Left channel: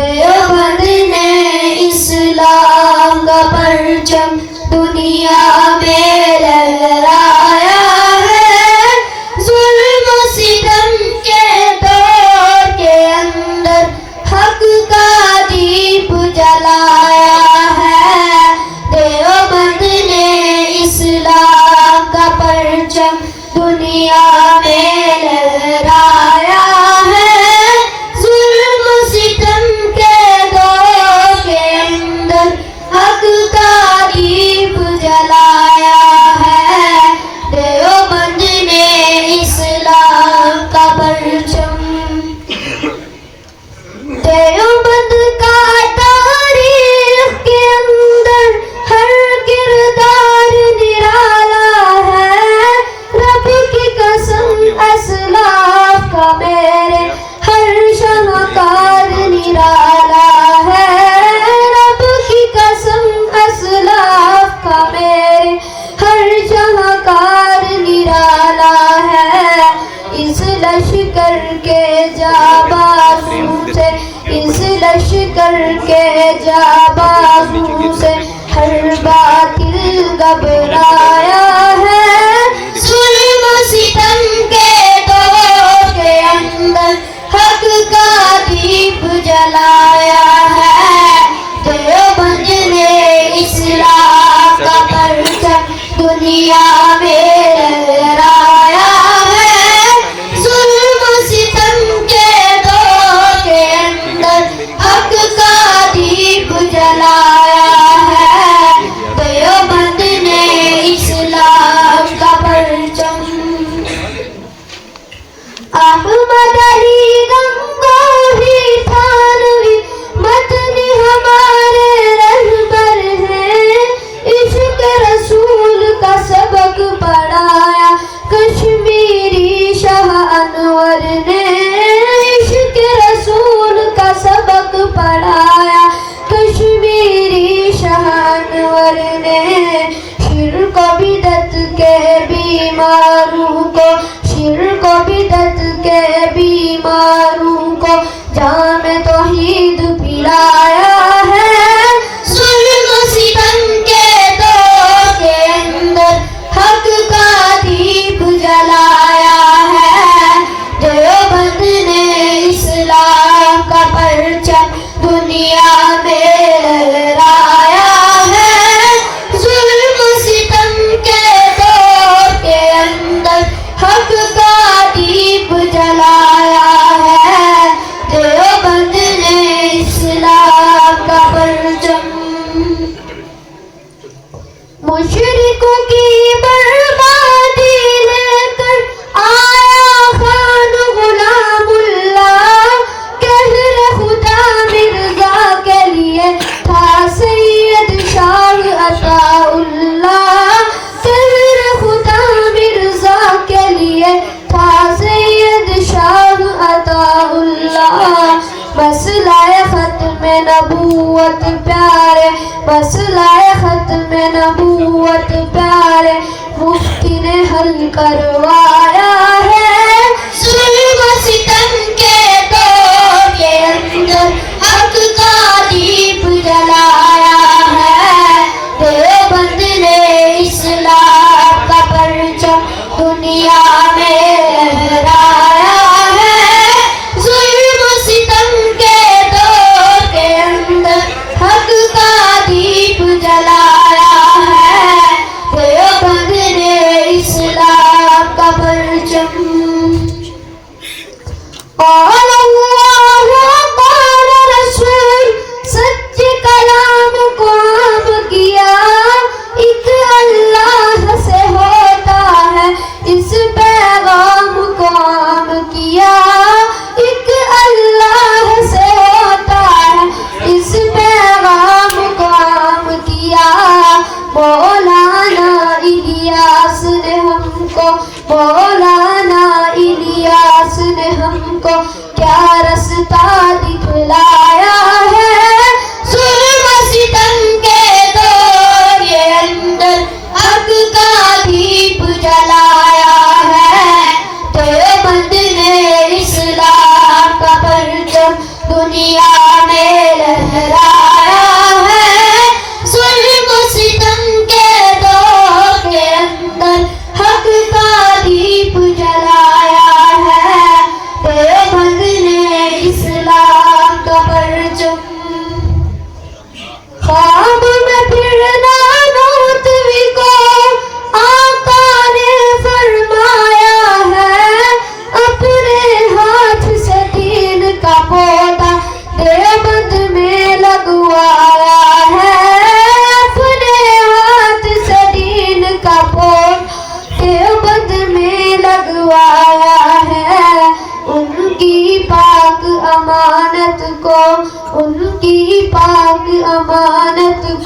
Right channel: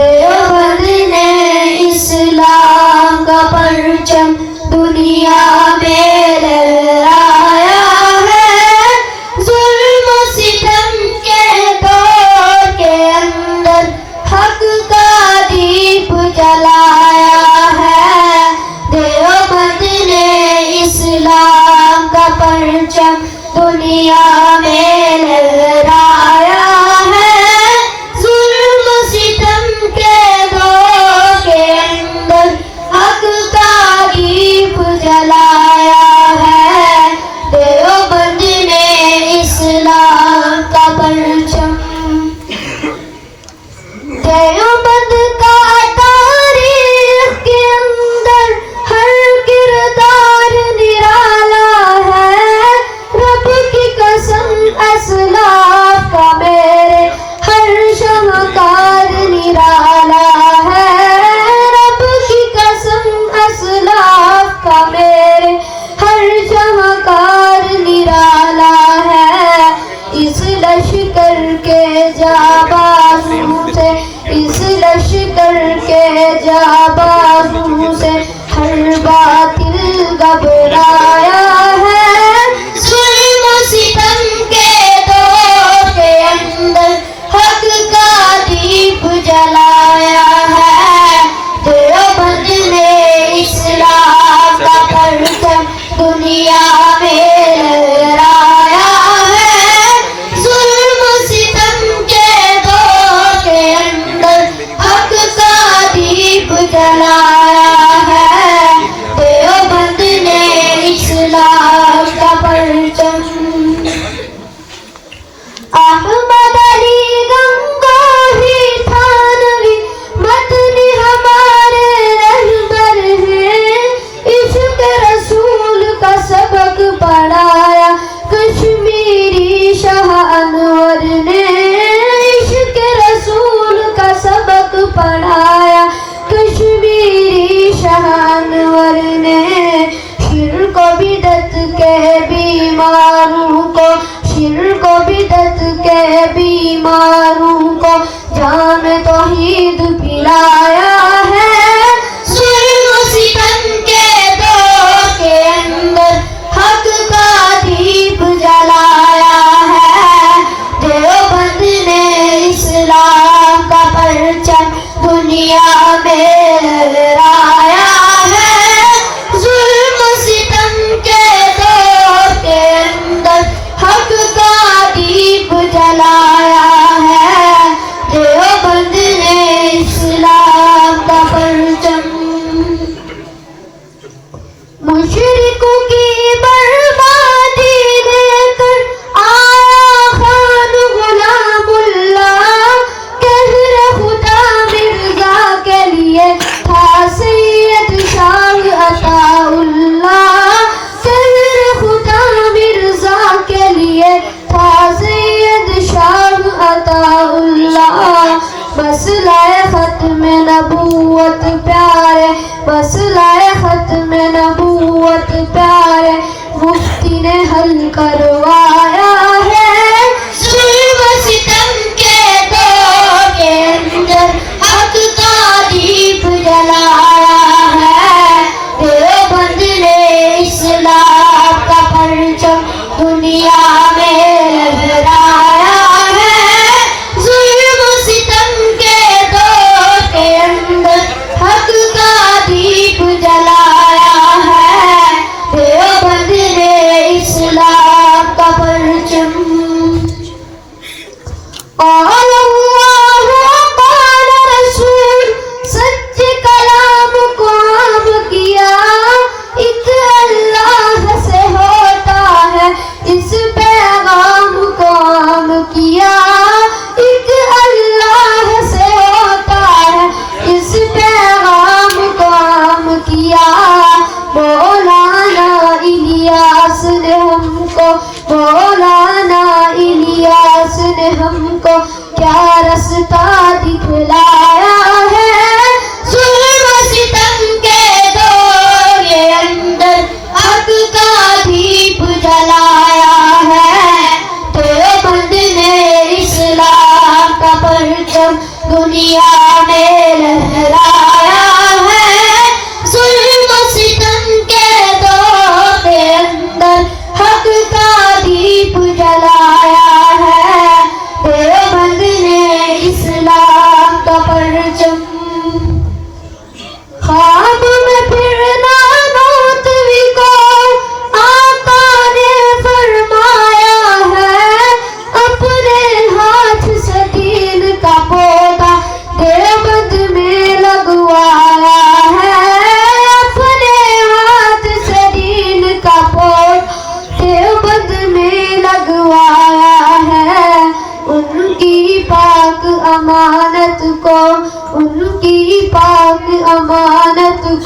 دیوبند نے اسلام کا پرچم دنیا میں لہرایا ہے، ظلم و ستم کے دور کے اندر حق کا دیپ جلایا ہے۔ دیوبند نے اسلام کا پرچم دنیا میں لہرایا ہے، ظلم و ستم کے دور کے اندر حق کا دیپ جلایا ہے۔ دیوبند نے اسلام کا پرچم، دیوبند کا تاریخ کے اندر ہر کردار نرالا ہے، رب کی قسم اسلاف کا میرے ہر شاہکار نرالا ہے، رب کی قسم اسلاف کا میرے ہر شاہکار نرالا ہے۔ اس لشکر کے جابازوں سے، اس لشکر کے جابازوں سے ہر باطل گھبرایا ہے، ظلم و ستم کے دور کے اندر حق کا دیپ جلایا